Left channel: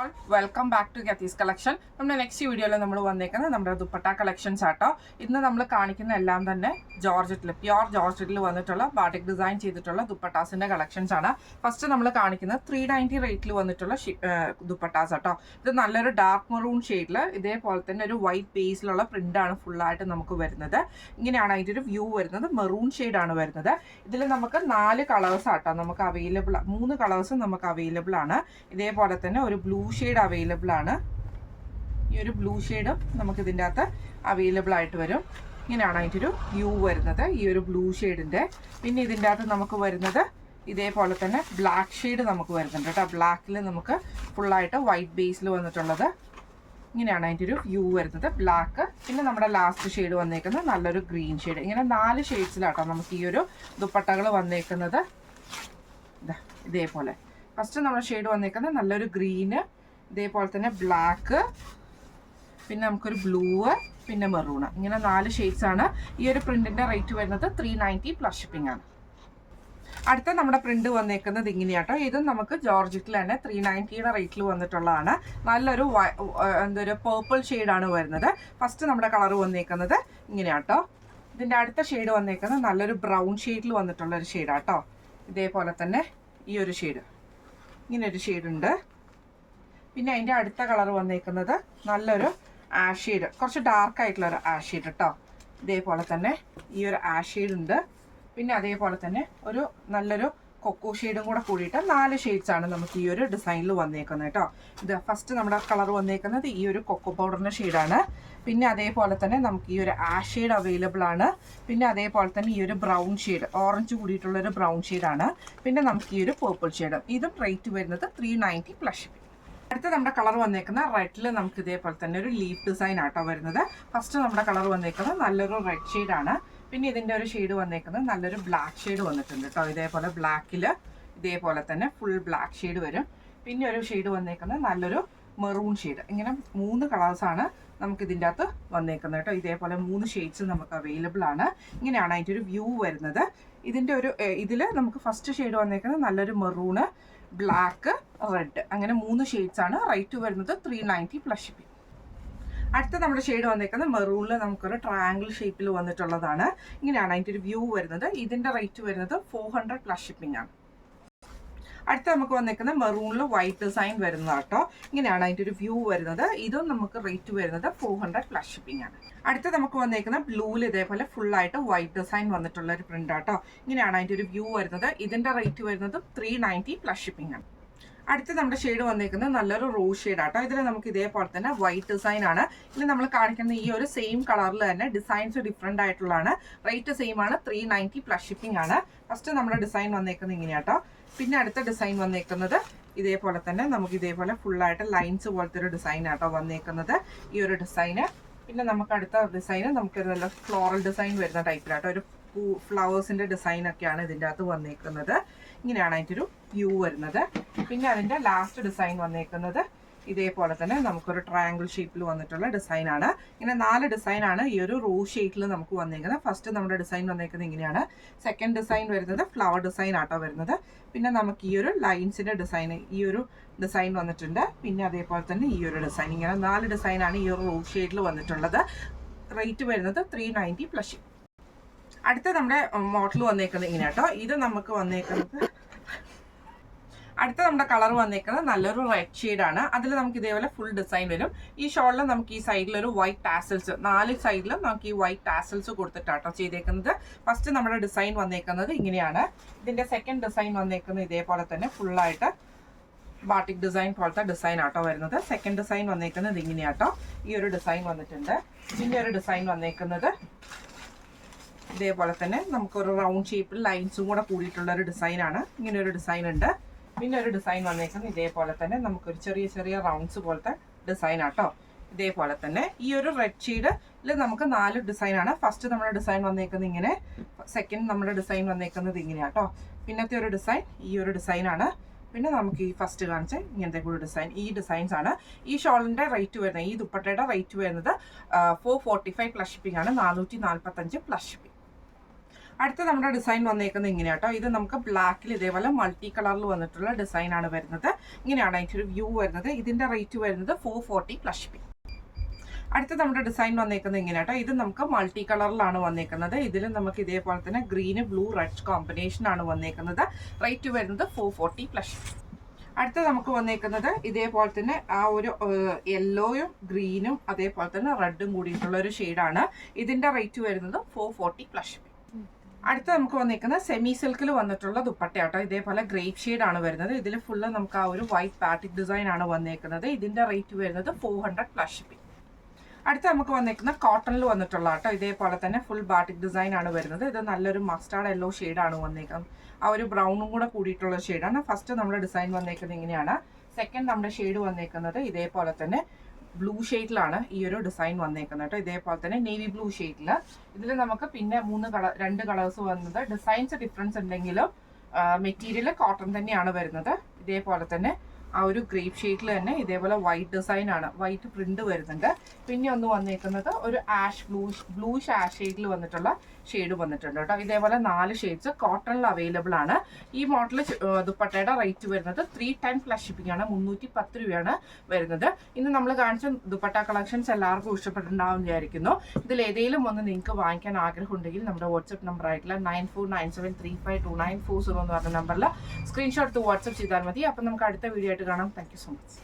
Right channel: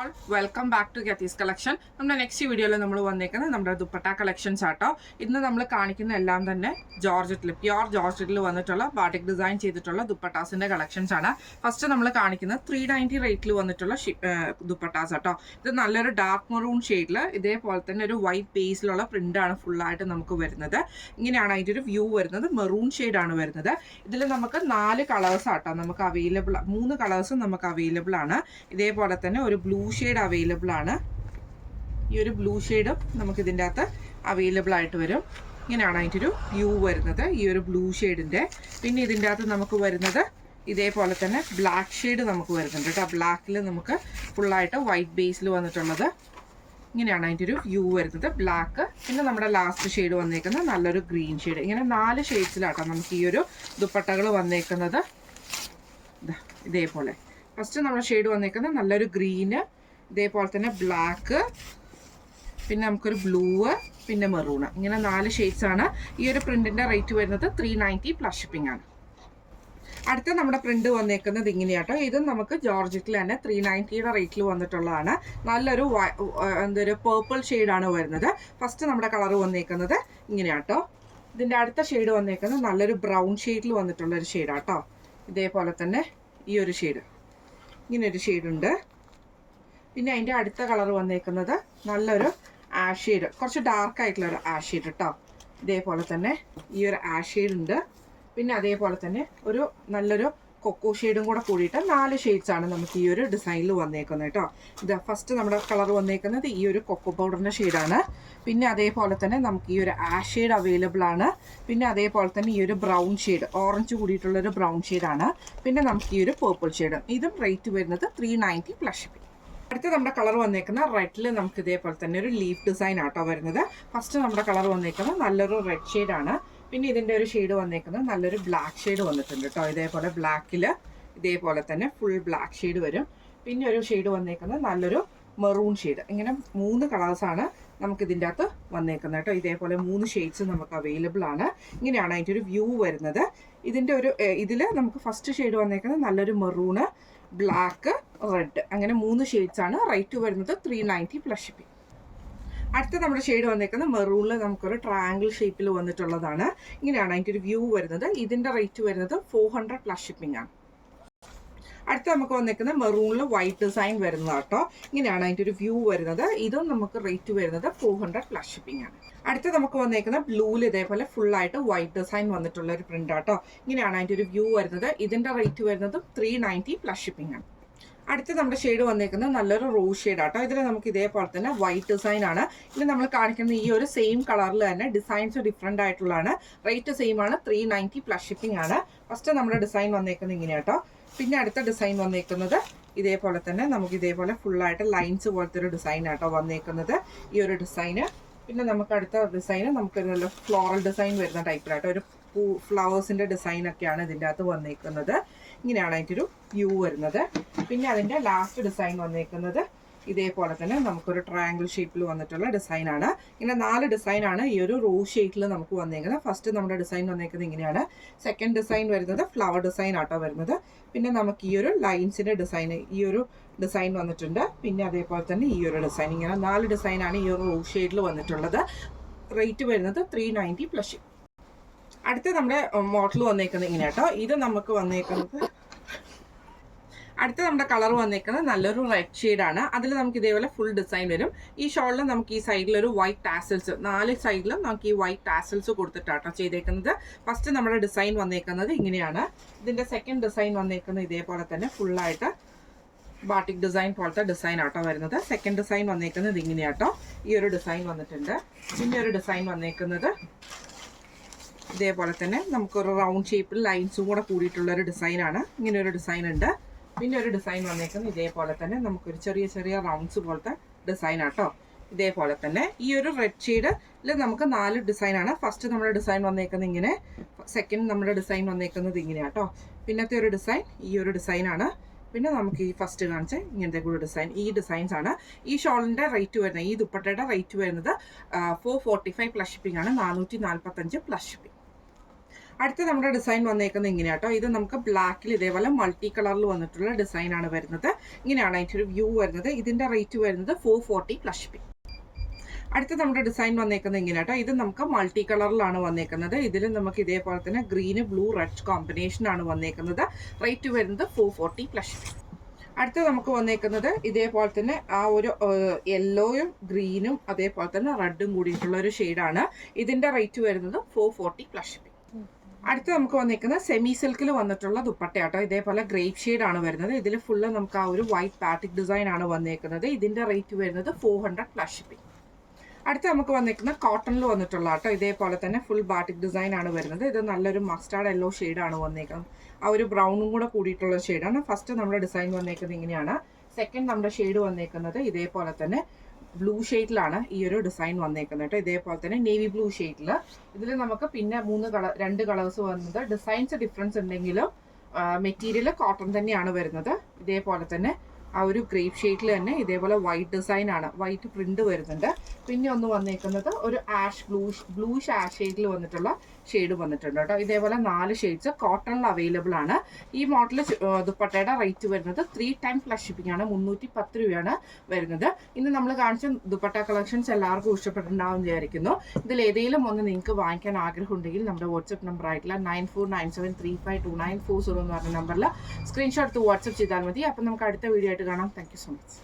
All welcome back to ഗത്തീസ് collection. നമ്മുടെ next വീഡിയോയിൽ നമ്മൾ വന്നേക്കുന്നത് നമ്മുടെ ദുപ്പട്ട കളക്ഷൻസ് ആട്ടോ. ഇന്ന് നമ്മൾ കാണിക്കുന്ന എല്ലാം തന്നെ ജോർജറ്റിൽ പ്യുവർ ജോർജറ്റിൽ വന്നിട്ടുള്ള ബാട്ടിക് ഡിസൈൻ ചെയ്തിട്ടുള്ള ദുപ്പട്ടാസിൻ്റെ കളക്ഷൻസ് ആണ്. ഫസ്റ്റ് നമ്മൾ കാണിക്കുന്നത് 390 റേറ്റിൽ വന്നിട്ടുള്ള ദുപ്പട്ടാസ് ആട്ടോ. ഇത് നല്ലൊരു ഡാർക്ക് മെറൂൺ ഷെയ്ഡിൽ ഇതേപോലെ തന്നെ ഒരു വൈറ്റ് ബേസിലുള്ള പ്രിൻ്റാണ് ഫുള്ളായിട്ട് നമുക്ക് വരുന്നത്. ഇങ്ങനെയാണ് അതിൻ്റെ ഒരു വ്യൂ വരുന്നത്. മെറൂൺ ഷെയ്ഡാണ് വരുന്നത്. ഇതിൽ നമുക്ക് 4 കളേഴ്സ് ആട്ടോ നമുക്ക് അവൈലബിൾ, 3 കളേഴ്സും നമുക്ക് അവൈലബിൾ ആണ്. ഇതേപോലെ തന്നെ ഒരു ബ്ലൂ ഷെയ്ഡ് അവൈലബിൾ ആണ്. ഈ ഒരു ബ്ലൂ ഷെയ്ഡും നമുക്ക് ഇതിൻ്റെ അകത്ത് അവൈലബിൾ ആയിട്ട് വരും. ഇങ്ങനെയാണ് അതിൻ്റെ ഒരു വ്യൂ വരുന്നത്, ഈ ഒരു ബ്ലൂ ഷെയ്ഡിൻ്റെ. പിന്നെ ഇതിൻ്റെ അകത്ത് നമുക്ക് വരുന്നത് ഇതേപോലെ തന്നെ ബ്ലാക്ക് ഷെയ്ഡ് നമുക്ക് വരുന്നുണ്ട് കേട്ടോ. ബ്ലാക്കിൽ നമുക്ക് ഫുള്ളായിട്ട് വൈറ്റ് ബേസിൽ വന്നിട്ടുള്ളത്. ഇങ്ങനെയാണ് അതിൻ്റെ ഒരു വ്യൂ വരുന്നത്, ബ്ലാക്ക്. പിന്നെ നമ്മുടെ ലാസ്റ്റ് ഷെയ്ഡ് വന്നേക്കുന്നത് നല്ലൊരു ഗ്രീൻ ഷെയ്ഡ്. ഇങ്ങനെ 4 ഷെയ്ഡ്സിലാട്ടോ നമുക്ക് ഈ ഒരു ദുപ്പട്ടകൾ വന്നേക്കുന്നത്. ഇതേപോലെ ഫസ്റ്റ് നമ്മുടെ ഷെയ്ഡ് വന്നേക്കുന്നത് നല്ലൊരു ഗ്രീന്, ഇതേപോലെ തന്നെ ബ്ലാക്ക്, പിന്നെ നമുക്കൊരു ബ്ലൂ, പിന്നെ മെറൂണ്. ഇങ്ങനെ 4 ഷെയ്ഡ്സാണ്. ഈ ഒരു പ്രിൻറ്റിൻ്റെ റേറ്റ് വരുന്നത് 390 പ്ലസ് ഷിപ്പിംഗ് ആണ്. അടുത്ത നമ്മുടെ പ്രിന്റ് വന്നേക്കുന്നത് ഇങ്ങനെയാട്ടോ. ഇതും നമുക്ക് ജോർജറ്റിൽ തന്നെ 390 റേറ്റിൽ വന്നിട്ടുള്ളതാണ്. നല്ലൊരു എന്തൊരു പേർപ്പിൾ ഷെയ്ഡാണ് വരുന്നത്. ഫസ്റ്റ് നമ്മുടെ കളർ വന്നേക്കുന്നത് ഇങ്ങനെയാട്ടോ. ഇതിൻ്റെ അടുത്ത ഷെയ്ഡ് വന്നേക്കുന്നത് നല്ലൊരു ബ്രൗൺ ഷെയ്ഡിൽ വന്നിട്ടുള്ള ഒരു ഷെയ്ഡാട്ടോ. ഇതേപോലെ തന്നെ ഈ ഒരു ഷെയ്ഡ്, ഇങ്ങനെ ഒരു ഷെയ്ഡുണ്ട്. പിന്നെ അതിൻ്റെ അടുത്ത കളർ വന്നേക്കുന്നത് നല്ലൊരു ആഷ് ഷെയ്ഡ്, കുറച്ച് ഡാർക്ക് ആയിട്ടുള്ളൊരു ആഷ് ഷെയ്ഡ് കേട്ടോ. ഇതേപോലെ തന്നെ ഈ ഒരു ആഷ് ഷെയ്ഡ് ഉണ്ട്. പിന്നെ അതേപോലെ തന്നെ ഒരു നല്ലൊരു കൊക്കോ ഷെയ്ഡും കൂടെ കൂടിയിട്ട് 4 ഷെയ്ഡ്സാണ് നമുക്ക് ഈ ഒരു ഡിസൈനിൽ വന്നേക്കുന്നത് കേട്ടോ. ഇത് ഫസ്റ്റ് നമ്മുടെ കളർ വന്നേക്കുന്നത് ഈ ഒരു കൊക്കോ പൗഡറിൻ്റെ ഷെയ്ഡാണ്. പിന്നെ അതേപോലെ തന്നെ നമുക്ക് ഈ ഒരു ആഷ് ഷെയ്ഡ് അവൈലബിൾ ആണ്. പിന്നെ അതേപോലെ തന്നെ ഈ ഒരു ബ്രൗൺ ഷെയ്ഡ്, ഓറഞ്ച് കൂടിയിട്ടുള്ളൊരു ബ്രൗൺ ഷെയ്ഡാണ്. പിന്നെ നമുക്ക് ഈ ഒരു പേർപ്പിൾ ഷെയ്ഡും. ഇതും റേറ്റ് വരുന്നത് 390 പ്ലസ് ഷിപ്പിംഗ്. അടുത്ത നമ്മുടെ കളർ വന്നേക്കുന്ന റെഡിൽ നമുക്ക് ഇതേപോലെ തന്നെ ഒരു ലീഫ് ഡിസൈൻ ആട്ടോ വരുന്നത്. ഫസ്റ്റ് നമ്മുടെ കളർ വന്നേക്കുന്നത് നല്ലൊരു റെഡ് ഷെയ്ഡാണ്. പിന്നെ ഇതിൻ്റെ ഒരു ഷെയ്ഡ് വന്നേക്കുന്നത് നല്ലൊരു ബ്ലാക്ക് ഷെയ്ഡ് വന്നിട്ടുണ്ട് കേട്ടോ. ഇതേപോലെ ബ്ലാക്കിൽ ഇതേപോലെ തന്നെ ഫുൾ ബ്ലാക്ക് ഷെയ്ഡ് വരും. പിന്നെ ഒരു ഷെയ്ഡ് വന്നേക്കുന്നത് നല്ലൊരു മെറൂൺ ഷെയ്ഡ്. ഇങ്ങനെ 3 കളേഴ്സാണ് നമുക്ക് ഇതിൻ്റെ അകത്ത് വന്നേക്കുന്നത് കേട്ടോ. ഇതേപോലെ 3 ഷെയ്ഡ്സ് നമുക്ക് അവൈലബിൾ ആണ്. ഇങ്ങനെയാണ് അതിൻ്റെ ഒരു വ്യൂ വരുന്നത്. ഇതിൻ്റെ ഒരു ഇതിൽ നമുക്ക് ഫസ്റ്റ് ഷെയ്ഡ് വന്നേക്കുന്നത് നല്ലൊരു മെറൂണ്, ബ്ലാക്ക്, റെഡ്, അങ്ങനെ 3 ഷെയ്ഡ്സാണ്. റേറ്റ് വരുന്നത് 390 പ്ലസ് ഷിപ്പിംഗ്. അടുത്ത നമ്മുടെ ഷെയ്ഡ് വന്നേക്കുന്നത് മെറൂണിൽ നമുക്കൊരു ട്രയാങ്കിൾ ഷേപ്പിൽ വന്നിട്ടുള്ളതാണ്. ഇങ്ങനെയാണ് അതിൻ്റെ ഒരു വ്യൂ വരുന്നത്. ഇതിൻ്റെ റേറ്റ് വരുന്നത് 400 പ്ലസ് ഷിപ്പിംഗ് ആണ്. അടുത്ത നമുക്ക് വന്നേക്കുന്നത് മെറൂണിൽ വൈറ്റ് ഡിസൈൻ വരുന്നതാട്ടോ. ഇങ്ങനെയാണ് അതിൻ്റെ ഒരു വ്യൂ വരുന്നത്. ഇതും നമുക്ക് റേറ്റ് വരുന്നത് 400 പ്ലസ് ഷിപ്പിംഗ് ആണ്. അടുത്ത നമുക്ക് വന്നേക്കുന്ന ബ്ലൂവിൽ ഇതേപോലെ ഫുള്ളായിട്ട് വൈറ്റ് ഡിസൈൻ വന്നിട്ടുള്ള ഒരു പ്രിന്റ് ആട്ടോ. ഇങ്ങനെയാണ് അതിൻ്റെ ഒരു വ്യൂ വരുന്നത്. ഇതിൻ്റെ റേറ്റ് വരുന്നത് 390 പ്ലസ് ഷിപ്പിംഗ് ആണ്. അടുത്ത് നമ്മുടെ ഷെയ്ഡ് വന്നേക്കുന്നത് നല്ലൊരു റോസ് ഷെയ്ഡ് ആട്ടോ. ഇതിൽ നമുക്ക് ഇതേപോലെ തന്നെ വൈറ്റ് ഡിസൈൻ ആണ്. ഇനി നമ്മൾ കാണിക്കുന്ന ഈ ഒരു സെയിം കളറിൽ തന്നെ ഡിസൈൻസ് ഡിഫറെൻ്റ് ആയിട്ടുള്ളതാണ്. റേറ്റ് സെയിം ആണ്, 390 പ്ലസ് ഷിപ്പിംഗ് ആണ്. ഫസ്റ്റ് നമ്മുടെ ഡിസൈൻ വന്നേക്കുന്നത് ഇങ്ങനെയാട്ടോ. പിന്നെ അടുത്ത ഡിസൈൻ വന്നേക്കുന്നത് ഇതേപോലെ തന്നെ നമുക്ക് ഇതേപോലെ ഫുള്ളായിട്ട് ലൈൻസ് പോലത്തെ ഒരു ഡിസൈൻ ആട്ടോ വന്നേക്കുന്നത്, ഈ ഒരു ഡിസൈന്. പിന്നെ നമുക്ക് അടുത്ത ഡിസൈന് നമുക്കൊരു നല്ല ഫ്ലോറൽ ഡിസൈൻ വരുന്ന ടൈപ്പിലാട്ടോ. ഒരു ഫ്ലവേഴ്സിൻ്റെ ഡിസൈനൊക്കെയാണ് ഇതിൻ്റെ അകത്ത് വന്നേക്കുന്നത്. ഇങ്ങനെയാണ് അതിൻ്റെ ഒരു വ്യൂ വരുന്നത്. പിന്നെ അതിൻ്റെ ലാസ്റ്റ് ഡിസൈൻ വന്നേക്കുന്നത് ഇതേപോലെ തന്നെ നമുക്കൊരു ട്രയാങ്കിൾ ഷേപ്പിൽ വന്നിട്ടുള്ള ഡിസൈനാണ്. ഇങ്ങനെ 4 ഡിസൈനാണ് ഈ ഒരു റോസ് ഷേപ്പിൽ നമുക്ക് വന്നേക്കുന്നത്. ഫസ്റ്റ് നമ്മുടെ ഡിസൈൻ വന്നേക്കുന്നത് ഇങ്ങനെയാണ്. സെക്കൻഡ് ഡിസൈൻ വരുന്നത് ഫ്ലവർ ഡിസൈൻ ആട്ടോ വരുന്നത്. പിന്നെ നമുക്ക് ഈ ഒരു ലൈൻസിൻ്റെ ഡിസൈൻ, ഈ ഒരു ഡിസൈൻ വന്നിട്ടുണ്ട്. പിന്നെ അതേപോലെ തന്നെ ഈ ഒരു ഡിസൈൻ, ഇങ്ങനെ 4 ഡിസൈനാണ് ഈ ഒരു റോസ് ഷെയ്ഡിൽ വന്നിട്ടുള്ളത്. റേറ്റ് വരുന്നത് 390 പ്ലസ്. അടുത്ത നമ്മുടെ മോഡൽ വന്നേക്കുന്നത് ഇങ്ങനെ കേട്ടോ. ഇത് നമുക്ക് വന്നേക്കുന്നത് അടുത്ത നമ്മുടെ കളർ വന്നേക്കുന്നത് നല്ലൊരു റെഡ് ഷെയ്ഡാണ്. അതിൽ നമുക്ക് ഇതേപോലെ ഫുൾ ഡിസൈൻ വരും. ഈ ഷോളിൽ നമുക്ക് ഈ സൈഡിലൊരു വൈറ്റ് ടാസൽസ്, 4 സൈഡിലും നമുക്ക് ഈ വൈറ്റ് ടാസൽസ് കൊടുത്തിട്ടാട്ടോ ചെയ്തേക്കുന്നത്. ഫസ്റ്റ് നമ്മുടെ ഡിസൈൻ വന്നേക്കുന്നത് ഇങ്ങനെയാണ്. ഇതിൻ്റെ സെക്കൻഡ് ഡിസൈൻ വന്നേക്കുന്നത് ഇതേപോലെ തന്നെ ഫുള്ളായിട്ട് ബാട്ടിക് ഡിസൈൻ പോലത്തെ ഡിസൈൻ ആട്ടോ വരുന്നത്. സെക്കൻഡ് ഡിസൈൻ വന്നേക്കുന്നത് ഇങ്ങനെയാട്ടോ. ഈ ഒരു ഡിസൈൻ വന്നിട്ടുണ്ട്. പിന്നെ ഒരു ഡിസൈൻ വന്നേക്കുന്നത് ഇതേപോലെ തന്നെ നമുക്കൊരു റൗണ്ട് ഷേപ്പിൽ ലൈൻസും കൂടെ കൂടിയിട്ടുള്ളൊരു ഡിസൈനാണ്. ഇങ്ങനെ ഒരു ഡിസൈൻ ഉണ്ട്. പിന്നെ ഒരു ഡിസൈൻ വന്നേക്കുന്നത് ഇതേപോലെ തന്നെ നമുക്കൊരു ചെറിയ ചെറിയ റൗണ്ട്സ് പോലത്തെ ഡിസൈൻ ആട്ടോ. ഇതേപോലെ തന്നെ ഈ ഒരു റെഡ് ഷെയ്ഡിൽ നമുക്ക് 4 ഡിസൈനാണ്. ഫസ്റ്റ് നമ്മുടെ ഡിസൈൻ വന്നേക്കുന്നത് ഇങ്ങനെ, സെക്കൻഡ് നമ്മുടെ ഡിസൈൻ വന്നേക്കുന്നത് ഇങ്ങനെയാട്ടോ. പിന്നത്തെ ഒരു ഡിസൈൻ ഈ ഒരു ഡിസൈനാണ്. പിന്നെ നമുക്ക് ഈ ഫസ്റ്റ് കാണിച്ച ഇങ്ങനത്തെ കൂടി ഡിസൈൻ, ഈ ഡിസൈൻസ് ആണ്. ഈ ഷോളിൻ്റെ റേറ്റ് വരുന്നത്, ഈ ദുപ്പട്ടയുടെ റേറ്റ് വരുന്നത് 445 പ്ലസ് ഷിപ്പിംഗ് ആണ്, 445 പ്ലസ് ഷിപ്പിംഗ്. അടുത്ത നമ്മുടെ ഡിസൈൻ വന്നേക്കുന്നത് ഇങ്ങനെയാട്ടോ. ഇത് നമുക്ക് ബ്ലാക്കിൽ ഇതേപോലെ മൾട്ടി കളറിൽ വന്നിട്ടുള്ള ഡിസൈൻ ആണ് വരുന്നത്. ഇങ്ങനെയാണ് അതിൻ്റെ ഒരു വ്യൂ വരുന്നത്. ഇതിൻ്റെ റേറ്റ് വരുന്നത് 440 പ്ലസ് ഷിപ്പിംഗ്. അടുത്ത നമ്മുടെ ഡിസൈൻ വന്നേക്കുന്നത് ഇങ്ങനെയാട്ടോ. ഇത് നമുക്ക് മൾട്ടി കളറിലാണ് വന്നേക്കുന്നത്. ഇതിൽ നമുക്ക് ഇതേപോലെ തന്നെ ഗ്രീന് ബ്ലൂ റെഡ് കോമ്പിനേഷൻ ആണ് വന്നേക്കുന്നത്. റേറ്റ് വരുന്നത് 440 പ്ലസ് ഷിപ്പിംഗ്. അടുത്ത നമുക്ക് വന്നേക്കുന്നത് ഇതേപോലെ തന്നെ ആ ഒരു യെല്ലോയും ഗ്രീനും അതേപോലെ തന്നെ റെഡും കൂടിയിട്ടുള്ള ഒരു ഷെയ്ഡാണ്. ഇതിൻ്റെ റേറ്റ് വരുന്നത് 440 പ്ലസ് ഷിപ്പിംഗ്. അടുത്ത നമുക്ക് വന്നിരിക്കുന്നത് സെമി സിൽക്കിൽ വന്നിട്ടുള്ള ദുപ്പട്ടയാട്ടോ. ഇതേപോലെ ഗ്രേപ്പ് ഷെയ്ഡ് ആണ് വരുന്നത്. ഇതിൽ ഫുള്ള് നമുക്ക് ആ ഒരു വൈറ്റ് പാറ്റിക് ഡിസൈൻ ആണ് വന്നേക്കുന്നത്. ഇതിൻ്റെ റേറ്റ് വരുന്നത് 400 പ്ലസ് ഷിപ്പിംഗ്. അടുത്ത നമുക്ക് വന്നിരിക്കുന്ന കോട്ടണിൽ വന്നിട്ടുള്ള കേട്ടോ. ഇതേപോലെ തന്നെ ഫുൾ ബാറ്റിക് ഡിസൈൻ ആണ് വരുന്നത്. ഇത് നല്ലൊരു മസ്റ്റാർഡ് യെല്ലോ ഷെയ്ഡാണ് വന്നേക്കുന്നത്. ആ ഒരു ബ്രൗണും കൂടെ കൂടിയിട്ടുള്ള ഷെയ്ഡാണ്. ഫസ്റ്റ് നമ്മുടെ ഡിസൈൻ വന്നേക്കുന്നത് ഇങ്ങനെയാണ്. സെക്കൻഡ് നമ്മുടെ ഷെയ്ഡ് വന്നേക്കുന്നത് ഇതേപോലെ തന്നെ ബ്ലൂ ഷെയ്ഡിലാണ് ഈ ഒരു ഡിസൈൻ വന്നേക്കുന്നത് കേട്ടോ. ഇതേപോലെ തന്നെ നേവി ബ്ലൂ ഷെയ്ഡിൽ. ഇതിൽ നമുക്ക് പിന്നെ രണ്ട് കളേഴ്സ് വന്നത്. ഡിസൈൻസ് ഡിഫറൻസ് ഉണ്ടെങ്കിലും മെറ്റീരിയൽ കോട്ടൺ തന്നെയാണ് വരുന്നത്. ഇതേപോലെ തന്നെ ആ ഒരു ഗ്രേപ്പ് ഷെയ്ഡിൽ തന്നെ ഇതേപോലെ വൈറ്റ് ഡിസൈൻ ആണ്, വൈറ്റ് പ്രിന്റ് വരുന്നുണ്ട്. പിന്നെ ഒന്ന് വന്നേക്കുന്നത് ഒരു ആഷ് ബ്ലൂഷ് ആഷ് ഷെയ്ഡിൽ വന്നിട്ടുള്ള ഷെയ്ഡ് വന്നിട്ടുണ്ട് കേട്ടോ. ഇതേപോലെ 4 ഷെയ്ഡ്സ് കോട്ടണിൽ അവൈലബിൾ ആണ്. ഈ മോഡൽ ദുപ്പട്ടയുടെ റേറ്റ് വരുന്നത് 3 ടൈംസ് പ്ലസ് ഷിപ്പിംഗ് ആണ്. 310 രൂപയാണ് വരുന്നത്. ഇന്ന് നമ്മൾ കാണിച്ച ദുപ്പട്ട കളക്ഷൻസ് എല്ലാവർക്കും ഇഷ്ടപ്പെട്ടിട്ടുണ്ടാവും വിചാരിക്കുന്നു. ഇതിൽ ഏതെങ്കിലും ഒന്ന് നിങ്ങൾക്ക് വാങ്ങിക്കാൻ ആഗ്രഹം ഉണ്ടെങ്കിൽ നമ്മുടെ വാട്സ്ആപ്പ് നമ്പർ ആയിട്ടുള്ള 9497352940 എന്ന് പറഞ്ഞ നമ്പറിൽ സ്ക്രീൻഷോട്ട് എടുത്ത് വാട്സ്ആപ്പ് ചെയ്താൽ മതി. അപ്പം നമുക്ക് അടുത്ത വീഡിയോ ആയിട്ട് കാണാം. Thank you so much.